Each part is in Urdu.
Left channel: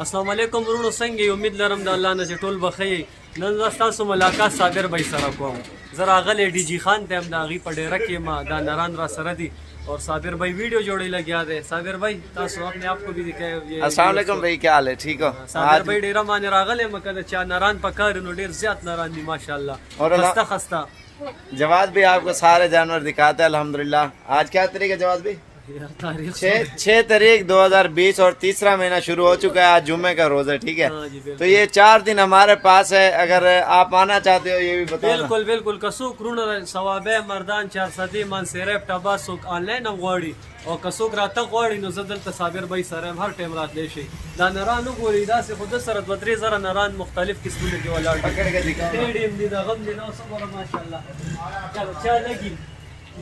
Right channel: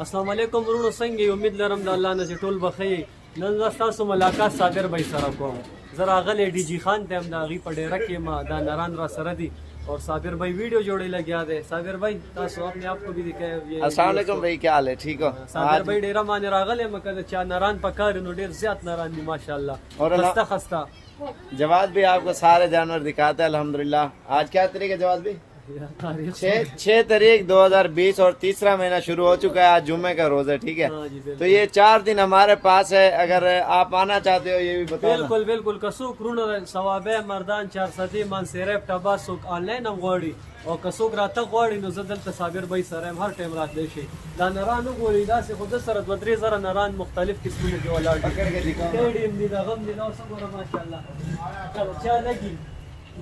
السلام علیکم ورونو څنګه یې؟ امید لرم د الله نه چې ټول بخیر. نن زه ستاسو ملاقات صابر بھائی سره کوم. زه راغلی ډي جي خان ته یم، د هغې په ډیره کې ما دا نران را سره دي اور صابر بھائی ویڈیو جوڑے لگیا دے. صابر بھائی تاسو اپنے آپ کو بھی دکھائے. السلام علیکم بھائی، کیا حال ہے؟ ٹھیک ہو؟ صابر بھائی ډیره مانه راغلی یم که د چا نران پکار نو ډیر زیات نران دي ماشاءالله، خسته خسته. جواد بھی آپ کو سارے جانور دکھاتے ہیں الحمدللہ. آج کیا تاریخ ہے جواد بھی؟ 6 تاریخ 2020 اور تیسرا مہینہ شروع ہو چکا ہے. آج جمعے کا روز ہے، ٹھیک ہے. تو یہ 4 دن ہمارے پاس ہے، اگر آپ آنا چاہتے ہو یہ بھی بتاؤ. بالکل بالکل کسوک رونه ثوابه مردان 400 منصرف ټباسوک آنلاین هم غواړي او کسوک راته غواړي نو زه دلته صابر بھائی سره هم هر ټایم راتلی شي. دا نران وګورئ، داسې خو د سره 2-3 زره نران مختلف قسمونه کې ولاړ دي. ټیډیم دي، دغه هم دي، نو څه ګوره ماشاءالله. چلو چا لګي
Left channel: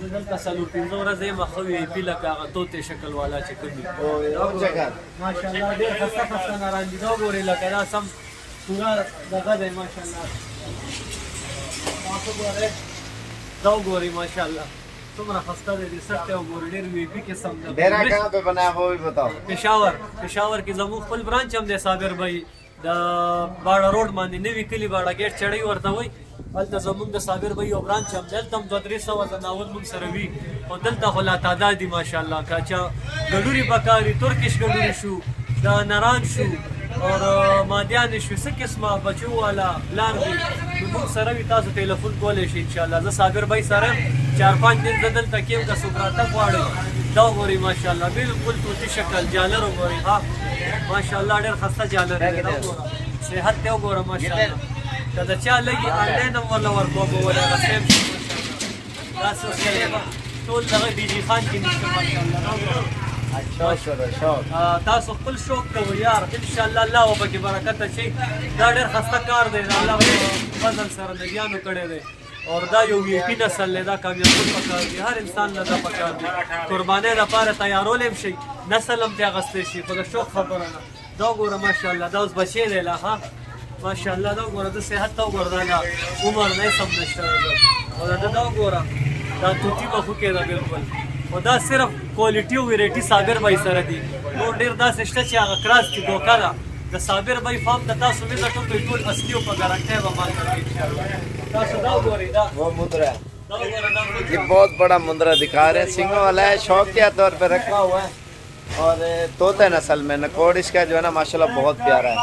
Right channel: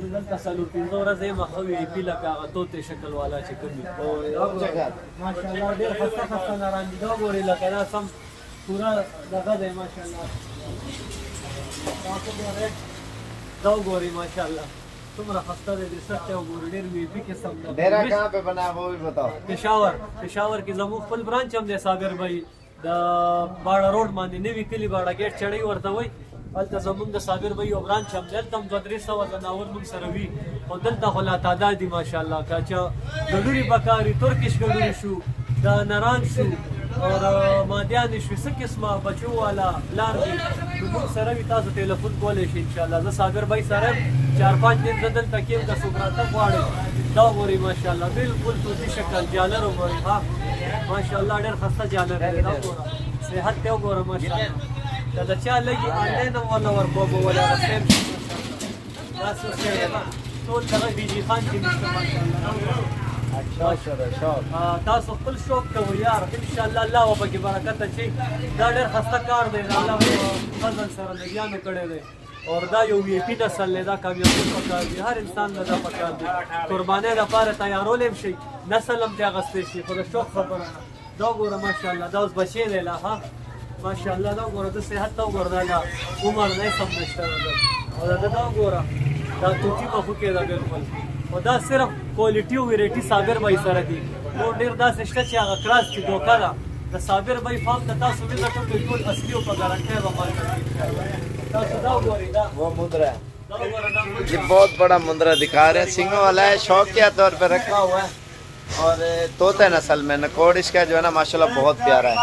دلته څلور پنځه ورځې یې مخه وي پي لکه هغه طوطې شکل والا چې کوم دي ماشاءالله ډېر خسته خسته نران دي. دا وګورئ لکه دا سم پوره دغه دی ماشاءالله. تاسو ګورئ دا وګورئ ماشاءالله څومره خسته دی. د سخت وګورئ ډېر وي پي قسم ده. ڈیرا کہاں پہ بنا ہے وہ بھی بتاؤ. پشاور کې زموږ خپل برانچ هم دی صابر بھائی، د باړه روډ باندې نوي کلي باړه ګیټ چړی ورته وایي. هلته زمونږ د صابر بھائی یو برانچ هم دی، هلته هم 200-300 زناور موږ سره وي. خو دلته خو لا تعداد دي ماشاءالله. که چا ګډوري پکاري، ترکش ګډوري شو، دا نران شو اور مادیان شو، څه قسمه بچو والا لار دي نو موږ سره وي. تاسو ټلیفون کولی شئ انشاءالله. زه صابر بھائی سره 4-5 دن زه دلته کې یم که څوک راته غواړئ. دا وګورئ ماشاءالله بالکل طوطي شکل جالر وګورئ. ها ماشاءالله ډېر خسته جالر دی. دا وګوره صحت ته وګوره ماشاءالله. که د چا لګي آنلاین هم ورله ورکوم ولا هغه سیم شي ماشاءالله. دا سلسلې به ټول دغه ډي جي خان کې نشته ماشاءالله. تاسو خپل شوق کوئ یار، انشاءالله الله به پکې برکت اچوي. دا ډېر خسته کار دی، د الله فضل سره نبیانو کړی دی اور دا یو وی پی نسل دی. دا کامیابول پکار دی، هر انسان له دا پکار دی. قربانۍ لپاره تیارولی هم شي، نسل هم ترې اخیستی شي، خو د شوق خبره نه. دا وګوره ماشاءالله دا اوس بچی دی لا. ها ماشاءالله دا وګوره د صحت ته وګوره، دا عمر نه سم نشته او دا وګوره دا طوطي به خو کې ده بالکل. او دا صرف کوالټي او ویرایټي صابر بھائی سره دي، نور ډېر داسې شته چې هغه کراس کې دوکه ده. د صابر بھائی فارم ته تاسو وزټ وکړئ، ټول اصلي او په ګارنټۍ به مال کوي انشاءالله. تاسو دا وګورئ، دا وہ مدرا ہے، دا وګوره دا یہ بہت بڑا مندرا دکھا رہے ہیں. سنگھوں والا ہے، شوقیہ طور پہ رکھا ہوا ہے اور طوطے نسل میں. نکوڑ اس کا جو ہے نا ماشاءاللہ بہت پیارا ہے.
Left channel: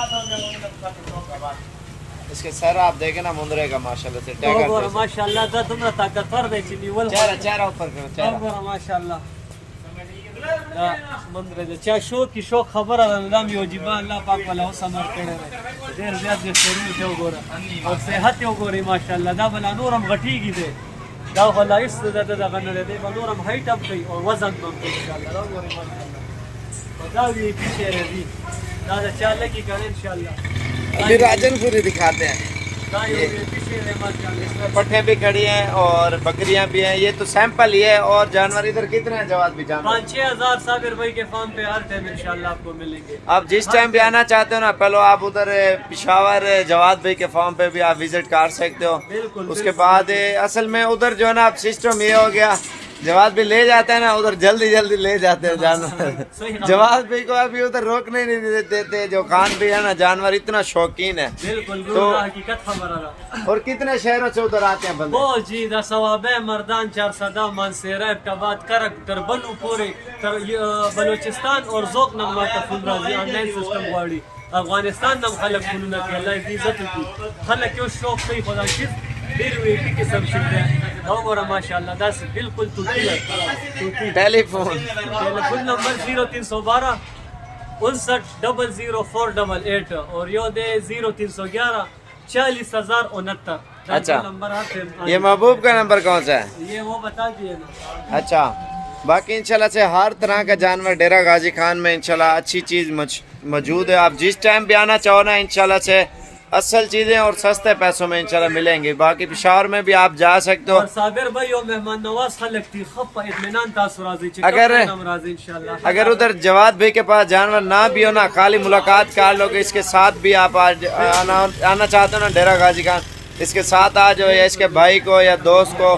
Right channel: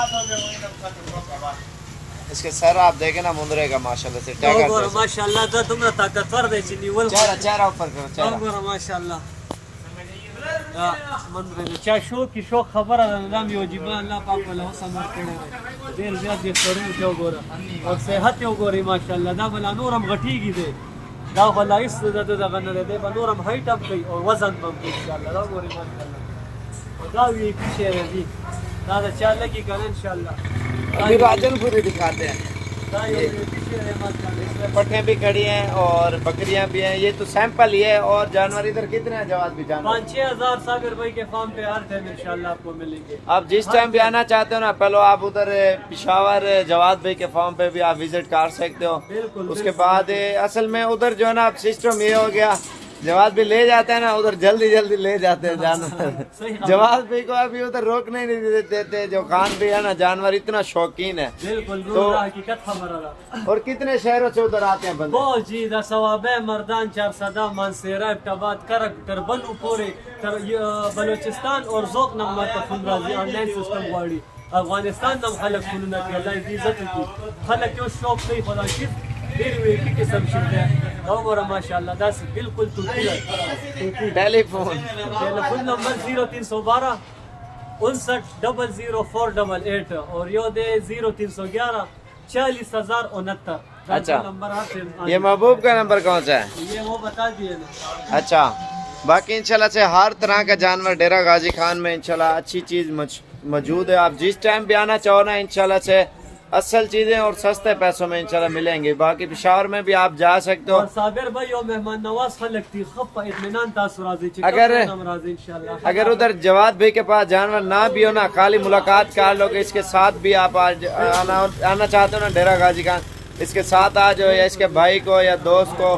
اس کے سر آپ دیکھیں نا مندرے کا ماشاءاللہ سے دا وګوره ماشاءالله دا دومره طاقتور دی چې نیول چہرہ اوپر کرو. دا وګوره ماشاءالله دا مندره د چا شوق کې شوق خبره ده. دا مې وجیبه الله پاک والا اوس امر کړی دی، ډېر زیات بهترونه ته وګوره او صحت یې وګورئ ماشاءالله. دا به لا نور هم غټېږي دی، دا خو لا هېڅ دغه نه دی، دی به نور هم هایټ هم کوي او وزن به هم کوي انشاءالله. دا وګورئ ماشاءالله. او دا وی پي شی دی، دا د چا لګي که نه انشاءالله. ابھی راجن پوری دکھاتے ہیں. دا یو وی پي شی دی ماشاءالله. پٹھے بھی کھڑی ہیں اور بکریاں بھی ہیں. یہ تو سیمپل ہی ہے. اور جانور ادھر کتنے ہیں جواد بھی؟ جانور 5-6 ہزار صابر بھائی کے فارم پہ ہر ٹائم انشاءاللہ آپ کو ملیں گے. آپ جس ٹائم بھی آنا چاہتے ہو نا، پہلے آپ ادھر پشاور جواد بھائی کے فارم پہ بھی آپ وزٹ کر سکتے ہو. بالکل. اس کے بعد اصل میں ادھر جو ہے نا سسٹم یہ ہو گیا، جواد بھی لے جاتے ہیں نا ادھر، جلدی جلدی لے جاتے ہیں جانور. جواد بھائی کو ابھی ادھر روکنے نہیں دیتے. جو خان بھی ہے نا جانور اتنا شوقین ہے. بالکل حقیقت خبر ہے. اور کتنے شہروں سے ادھر آتے ہیں بندے؟ بہت جی، دا ثوابه مردان 400 منصیره ابتباد کرک تر بنو پورې تر بلوچستان اور ذوق نما تفون راځي. آنلاین سیستم غواړي افغانستان نم خلک فونونه کوي، الله دې عزت وکړي. خلک یو شوق کوي خدا شیر ډېر وی پي قسم شي دی. دا وګوره ماشاءالله داسې بالکل طوطي ده. طوطي ټلیفون نمبر 0312 59 00488 اور یو دے 0311 40069. اچھا نمبر آتے ہیں. یہ محبوب کا نمبر کون سا ہے؟ یہ وہ بتا دیے نا. اچھا، باقی انشاءاللہ سے ہر طرح کا جانور ڈیرا غازی خان میں انشاءاللہ اچھی چیز موجود ہے. آپ جس ٹائم بھی آنا چاہو نا انشاءاللہ سے اصل چیزیں اور سستے پیسوں میں انشاءاللہ ملیں گی. باقی پشاور میں بھی آپ جا سکتے ہو. اور صابر بھائی اور مہمان نواز خلق تھی خپ اطمینان تاسو راضی چھ نام راضی انشاءاللہ. اگر ادھر جواد بھائی کے پاس جانور نہ بھی ہو نا، خالی ملاقات کر لو کہ اس کے ساتھ بھی آپ آنا چاہتے ہو نا ڈیرا غازی خان، اس کے ساتھ آ جاؤ یا اس کے بھائی کو یا دوست کو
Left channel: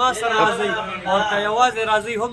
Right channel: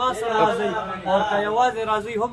ما سره راځي او که یوازې راځي هم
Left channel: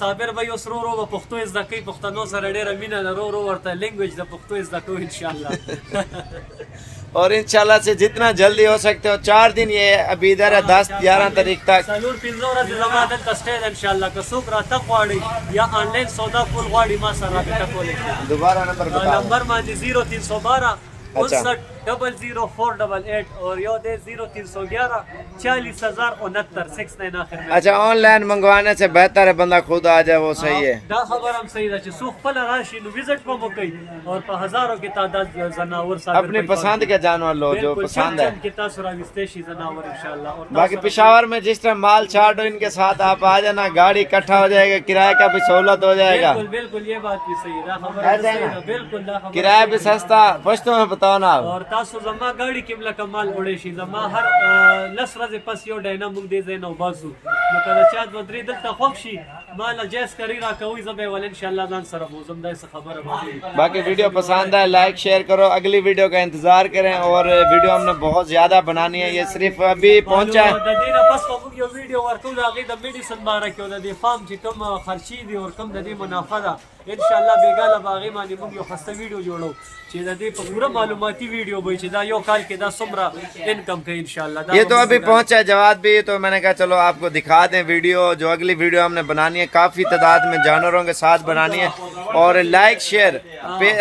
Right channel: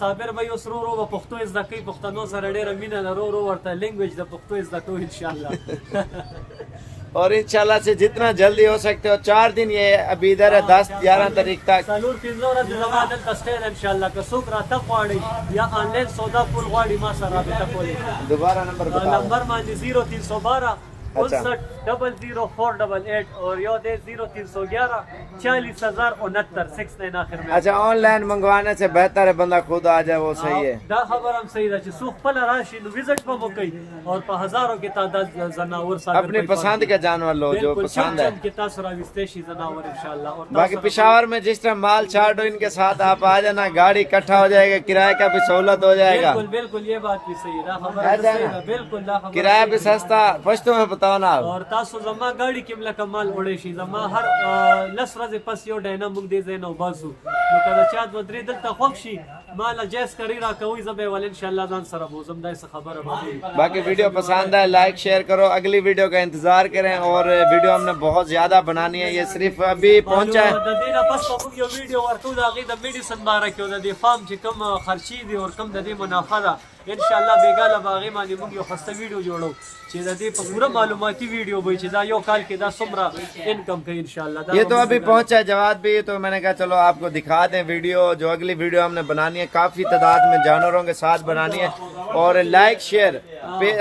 صابر بھائی اوس رو به پښتو زده کوي، پښتنو سره ډېره مینه ده، رو ورته لینګویج د پښتو زده کوي ان شاء الله. اور انشاءاللہ سے جتنا جلدی ہو سکتے ہو 4 دن یہ ابھی ادھر ہے 10-11 تاریخ تک څلور پنځه ورځې زما دلته سټې ده ان شاء الله. که څوک راتګ غواړي یا آنلاین سودا کول غواړي ما سره رابطه کولی شي. دوبارہ نمبر بتاؤ۔ نمبر باندې 0312 590088 اور یو دے 0311 40069 69 آخر میں. اچھا آن لائن منگوانے سے بہتر ہے بندہ خود آ جائے، وہ صحیح ہے۔ دا خبر هم صحیح ده چې څوک خپل راشي نو وزټ به مو کوي اور په هزارو کې تعداد زناور صابر اپنی پسند کا جانور لو جو پسند ہے۔ کې تاسو راوستې شي زناور ان شاء الله. اور باقی پشاور میں جس طرح مال چارٹ ان کے ساتھ آپ آ جانا، گاڑی اکٹھا ہو جائے گا، کرایہ کا بھی سہولت ہو جائے گا۔ بالکل بالکل یہ بات بھی صحیح ہے، خبر ایسا ہے صحیح نا؟ ہے، بالکل دا خبر کرایہ بھی سستا، پشتو میں بتاؤ نا آپ۔ اور تاسو زما گاڑی کې ملک مال وړې شي، زما هر لس ورځې پس یو ډینا موږ دې ځای نه وباسو، نو کله چا دوه درې دلته خوښ شي مال جایز کری را کوي زه به ول ان شاء الله ځان سره بوزم. دا څه خبره باندې باقی ویڈیو پسند ہے لائک شیئر کرو، اگلی ویڈیو کا انتظار کریں، اور ویڈیو ہم نے بہت زیادہ بنانی ہے، یہ صرف ابھی پہنچا ہے۔ د دې نه پس موږ you video ورکو the هغې the medicine باره کې او د دې فارم چې کوم خرچې دي او کوم د دې منافع ده ان شاء الله بیګاله به هغې باندې موږ یو خسته ویډیو جوړو چې د دې په پوره معلوماتي ویډیو به چې دا یو کال کې دا څومره انکم کوي ان شاء الله. یہ تو ابھی پہنچا ہے جواد بھی، تو میں نے کہا چلو آپ کو دکھا دیں ویڈیو، جو اگلی ویڈیو ہم نے بنانی ہے کافی تعداد میں جانوروں کے ساتھ بنانی ہے، اور لائک شیئر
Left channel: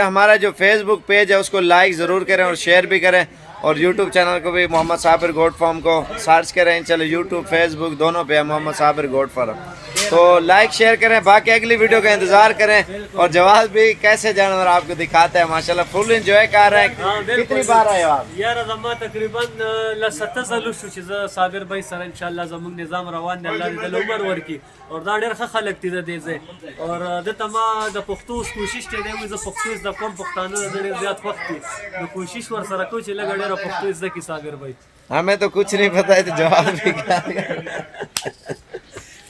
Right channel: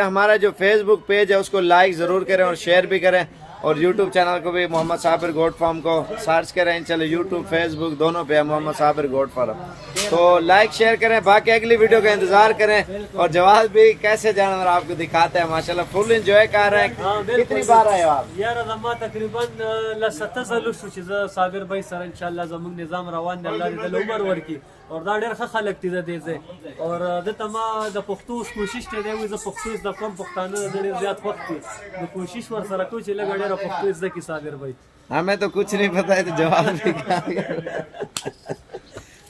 ہمارا جو فیس بک پیج ہے اس کو لائک ضرور کریں اور شیئر بھی کریں، اور یوٹیوب چینل کو بھی محمد صابر گوٹ فارم کو سرچ کریں، چلو یوٹیوب فیس بک دونوں پہ ہے محمد صابر گوٹ فارم، تو لائک شیئر کریں۔ باقی اگلی ویڈیو کا انتظار کریں، اور جواد بھی کیسے جانور آپ کو دکھاتے ہیں ماشاءاللہ فل انجوائے کر رہے ہیں۔ کتنی بار آئے آپ؟ یاره زما تقریبا لسته ځله شو چې زه صابر بھائی سره ان شاء الله زموږ نظام روان دی، الله دې د عمر ورکړي، اور دا ډېر ښه خلک دي د دې ځای، اور دلته ما د پښتو کوشش چې دی وایي زه پښتو زده کوم، پښتانه د ډېر زیات وخت دي نو کوشش ورسره کوم چې لږه ډېره پښتو زده کړي صابر بھائی. ہمیں تو کچھ نہیں پتہ ہے، تو جواب بھی کیا۔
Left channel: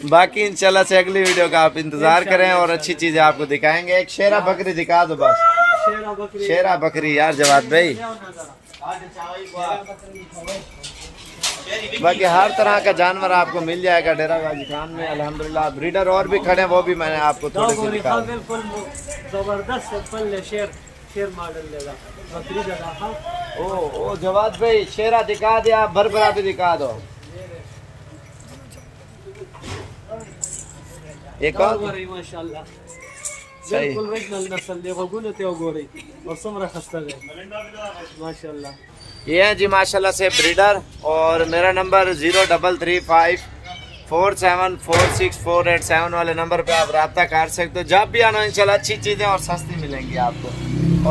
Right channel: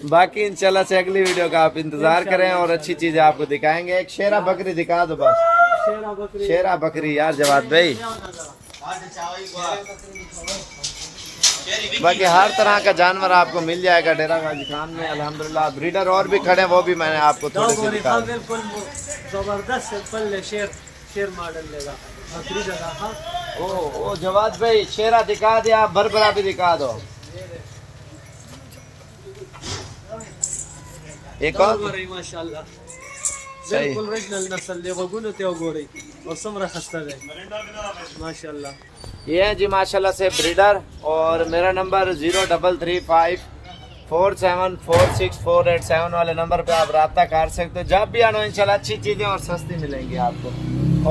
باقی انشاءاللہ سے اگلی ویڈیو کا آپ انتظار کریں اور اچھی چیزیں آپ کو دکھائیں گے۔ ایک شیرہ بکری دکھا دو بس، شیرہ بکری شیرہ بکری یار جواد بھائی۔ باقی ہر طرح کا جانور آپ کو مل جائے گا ڈیرہ غازی خان میں الحمدللہ۔ بریڈر اور بھی کھڑے ہیں، وہ بھی میں نے آپ کو تھوڑے سے دکھا دیں۔ بالکل زبردست سمپل شیر ماڈل لے گا بکری جگہ. ہاں او جواد بھائی شیرہ دکھا دیا، بربرا بھی دکھا دو۔ ایک اور ماشاءاللہ بالکل ریجنل نسل دی، غوږونو ته وګورئ او څومره خسته دی ماشاءاللہ. یہ ہیں جی ماشاءاللہ سے بریڈر، اور میرا نمبر 0335474648 والے نمبر پہ آپ رابطہ کر سکتے ہو، جب بھی آنا انشاءاللہ اچھی چیزیں اور سستی ملیں گی آپ کو۔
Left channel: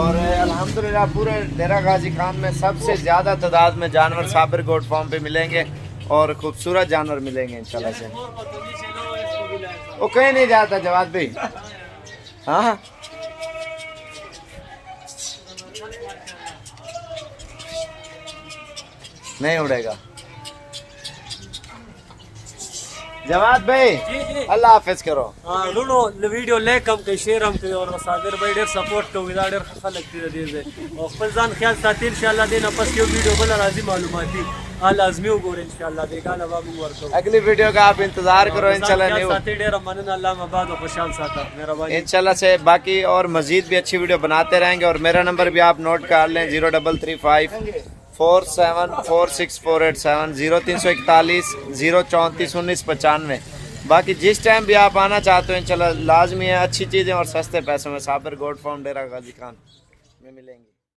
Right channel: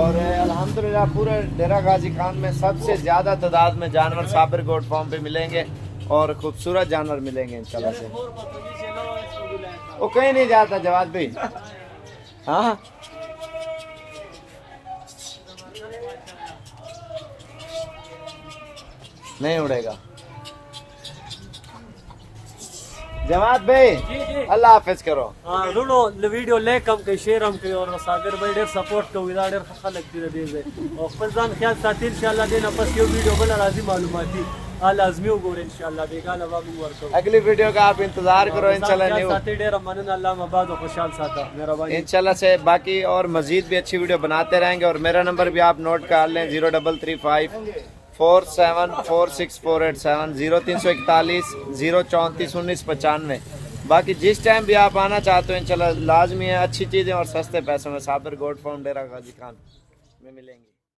اور الحمدللہ پورے ڈیرہ غازی خان میں سب سے زیادہ تعداد میں جانور صابر گوٹ فارم پہ ملیں گے، اور خوبصورت جانور ملیں گے انشاءاللہ سے۔ وہ کہیں نہیں جاتا جواد بھائی، ہاں نہیں اڑے گا جواد بھائی، جی جی اللہ حافظ کرو۔ رونو ویډیو لایک هم کوي، شیر هم کوي، او صابر بھائی ډېر سپورټ کوي، دا ډېر ښه خلک دي د دې ځای، او خپل ځان خیال ساتي ان شاء الله. دې نه پس یو ویډیو بل راځي معلوماتي لازمي وګورئ ان شاء الله، بیګاله به موږ ورکوو. اگلی ویڈیو کا آپ انتظار کرو انشاءاللہ خیال نہیں ساتي ډېره مننه، الله مباد او خوشحال ساته، مهرباني. انشاءاللہ سے باقی اور مزید بھی اچھی ویڈیو بناتے رہیں گے، اور میرا نمبر بھی آپ نوٹ کر لیں 0335474648 0341 034 1995۔ باقی جس ٹائم بھی آپ آنا چاہتے ہو انشاءاللہ لازمی ہے، اچھی چیزیں اور سستے پیسوں میں صابر گوٹ فارم ڈیرہ غازی خان میں ملیں گی۔